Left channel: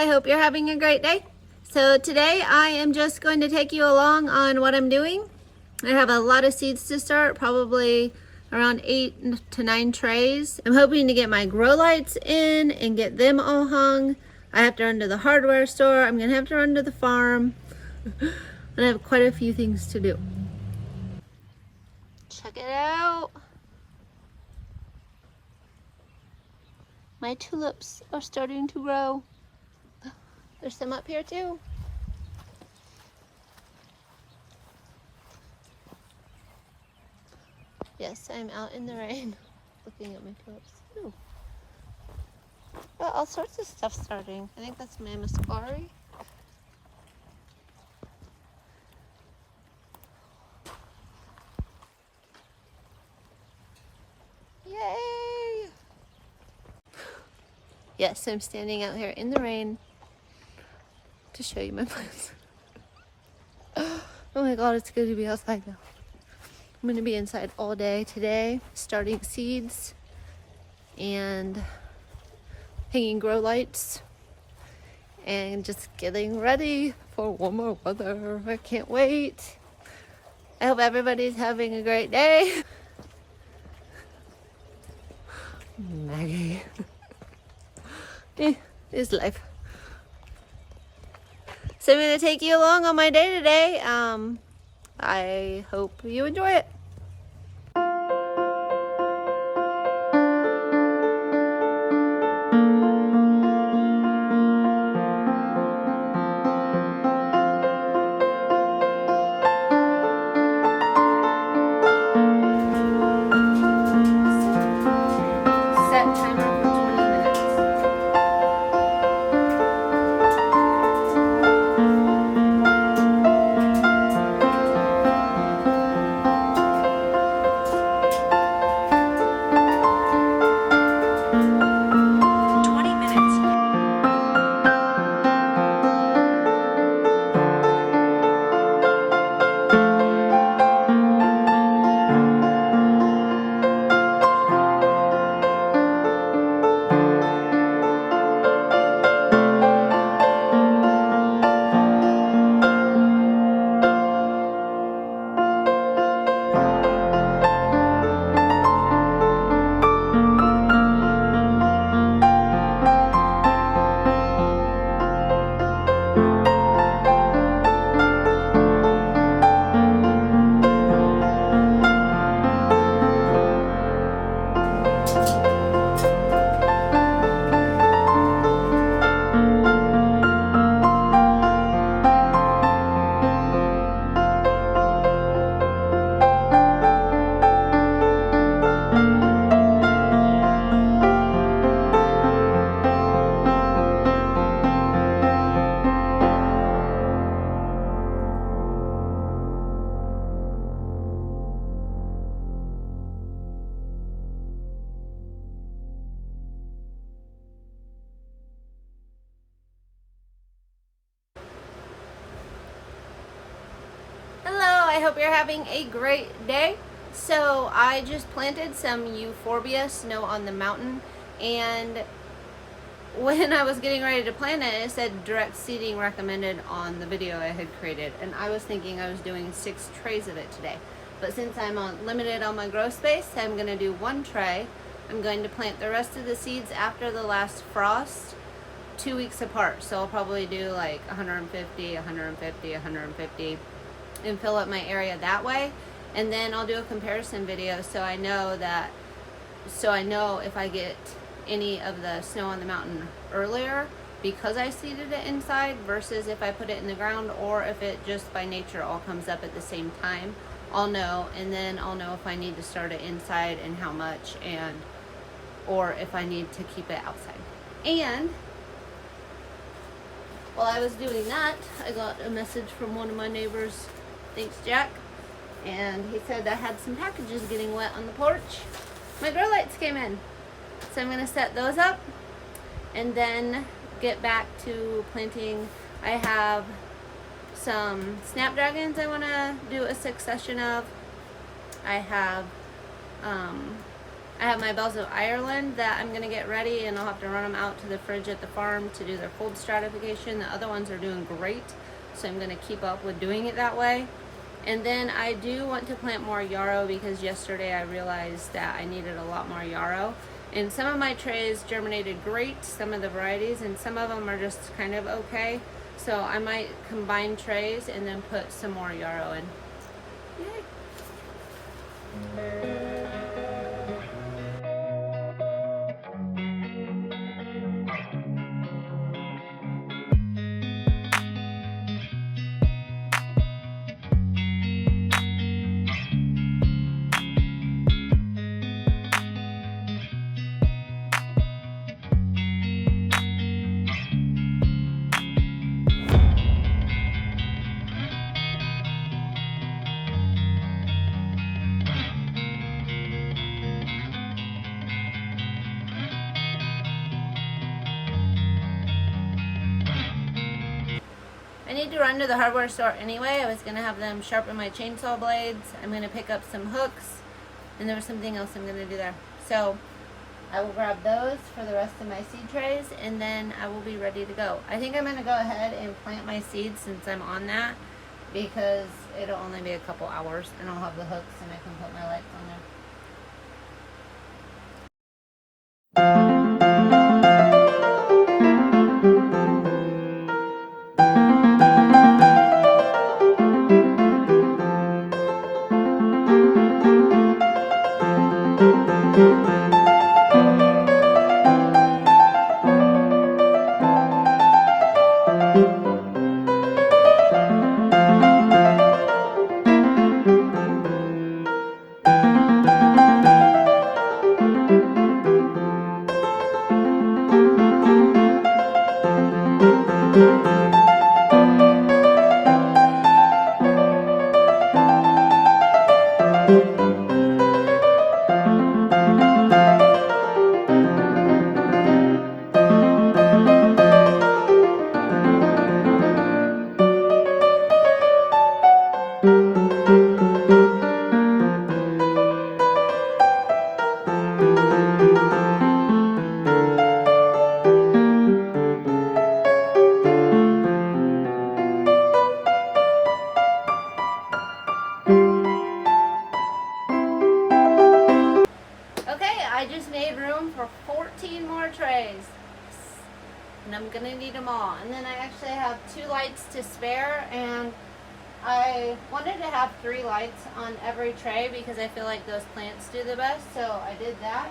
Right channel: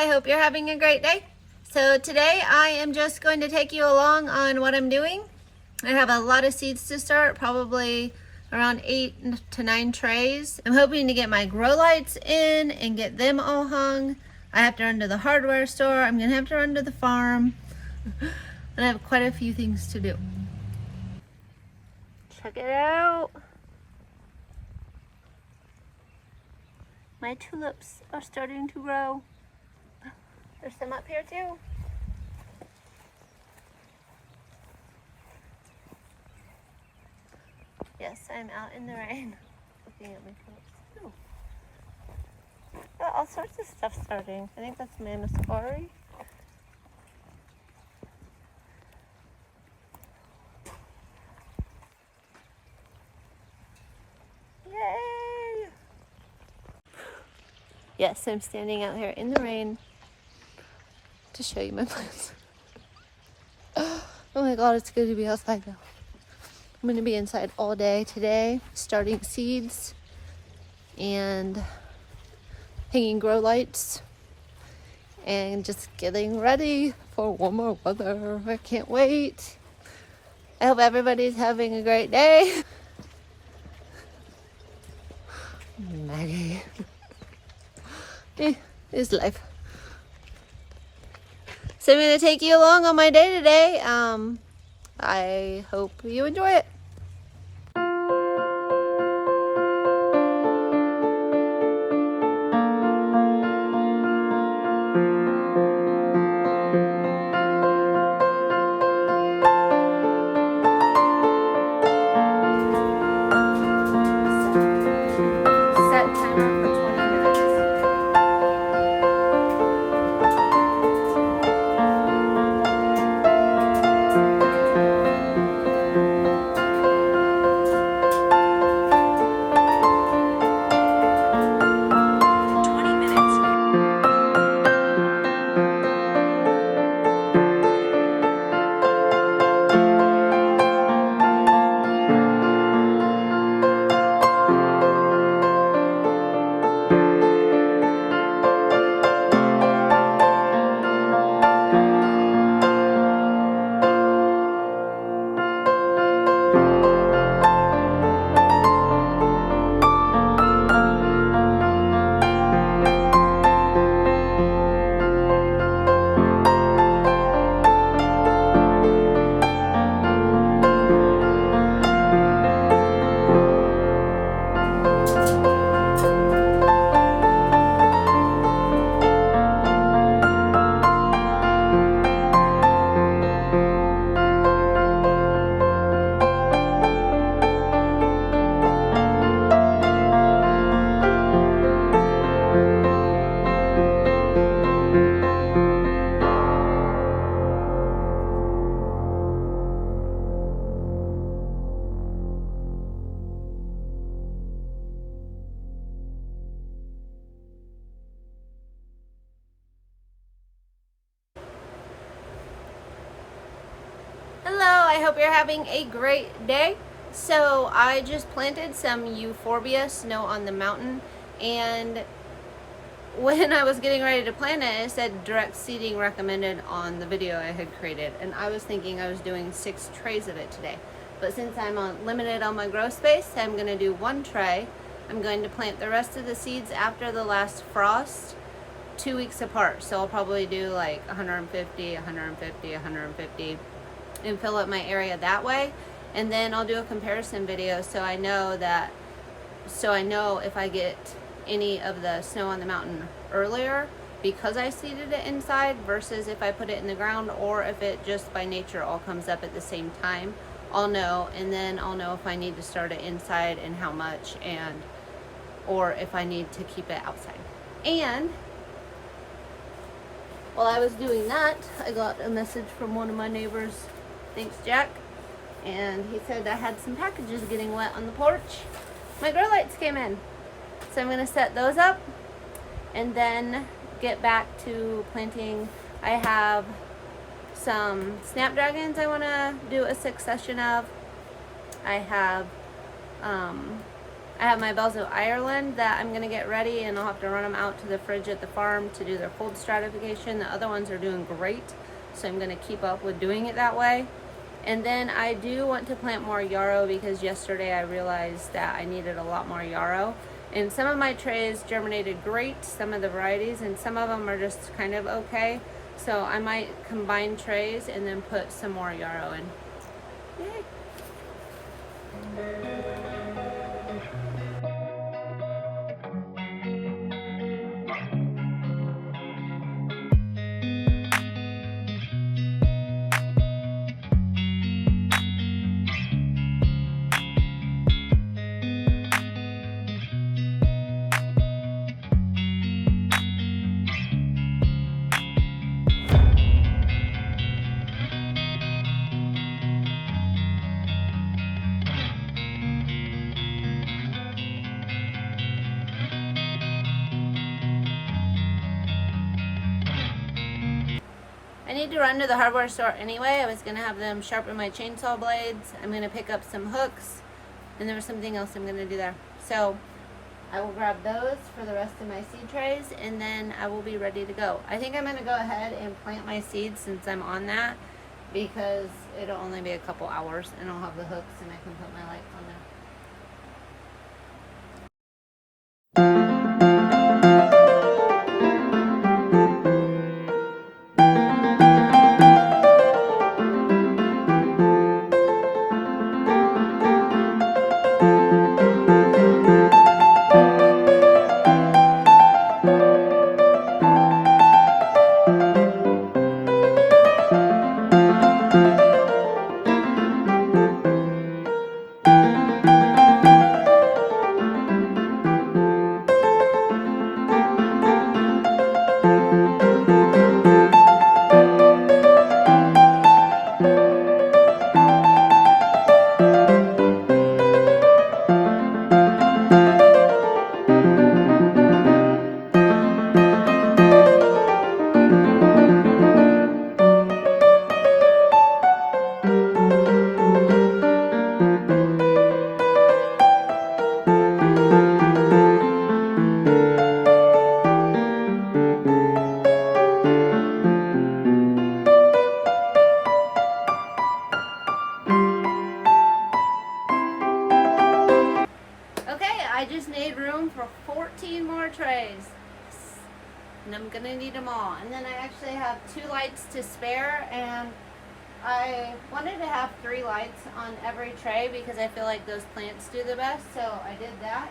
I hope you're having a great day. So today I am just going to take you along on what I'm doing. I have a lot of seeds to start, probably around 8 to 9 trays. I'm hoping to get my grow lights in and get them all hung. I have to run to the hardware store. I'm gonna have to run to the farm. And I have quite a few things to do. Check it out. My tulips are starting to grow. There's some up here too. Yes, I'm out in the rain looking at my tulips. Ooh. Well, all sorts of stuff starting. I think that's my Muscari. Yay! Yes, I'm standing out here in the rain to show you my plants. Oh my god, it's good to be outside now. I'm going to be inside all day today, starting seeds and hanging grow lights and just getting ready for warmer weather. I can't wait. I hope everybody's having a great day. Maggie. It's life. So I'm going to take you along on my day today. I hope you enjoy it. Set timer for 20 minutes. Hello, I hope you're having a great day. So I just planted some euphorbia snow on the mountain, and when I was getting ready to plant it, it said direct seeding recommended on the video I had created, and I was thinking I was doing 6 trays of it today. But since I'm limited on my grow space, I'm going to do 1 tray. I'm going to plant the rest of the seeds after the last frost 2 weeks apart. So I'll probably do like 150, 150, 150 and fill up my area that way. And then I'll do a comparison video so I know if I get any of the snow on the mountain earlier because I seeded it inside versus if I put it in the ground, or if it just by nature all comes up at the same time. I'll know, and then I'll know if I need to start it inside and how much, and or if I need to keep it outside. And while I was doing that, I got a message from one of my neighbors. Thanks, Jack. And he said I had some packages getting wet on the porch. My grow lights came in. So I'm going to set those up and then get back to planting. I have some Snapdragons I want to do a succession of. I have I have my bells of Ireland that I'm going to get ready, and I'll have to run them out to the fridge at the farm to do their cold stratification. The other ones are doing great, so I'm going to keep up with doing it that way. And then I do want to plant more yarrow, because yesterday I realized that I needed a lot more yarrow. And some of my trays germinated great, some of the varieties, and some of them are just kind of okay. So I might combine trays and then put some more yarrow in. Yay! I need to run to the hardware store anyway. I was going to have them sharpen my chainsaw blades. I'm going to pick up some hooks, and there was something else I'm going to do there. So I will grab those for the rest of my seed trays, and then I will be ready to go. I think I'm going to go ahead and plant my seeds since I'm on that, because it'll only be a couple hours, and I'll have the hooks and I can put my lights on there. I just made room for 14 more trays, and I'm gonna need them all. And then I actually have 2 lights to spare, and I wanted to have 3 lights on every tray because I feel like those plants do the best, so I did that.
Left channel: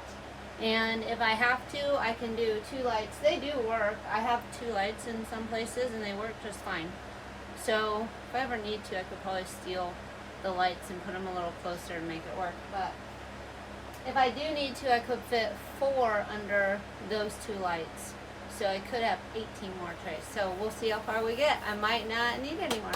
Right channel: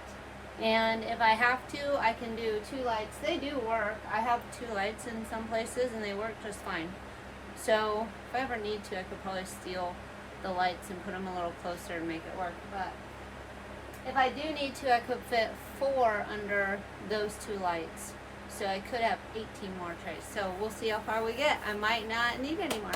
And if I have to, I can do 2 lights. They do work. I have 2 lights in some places and they work just fine. So if I ever need to, I could probably steal the lights and put them a little closer and make it work. But if I do need to, I could fit 4 under those 2 lights. So I could have 18 more trays. So we'll see how far we get. I might not need any more.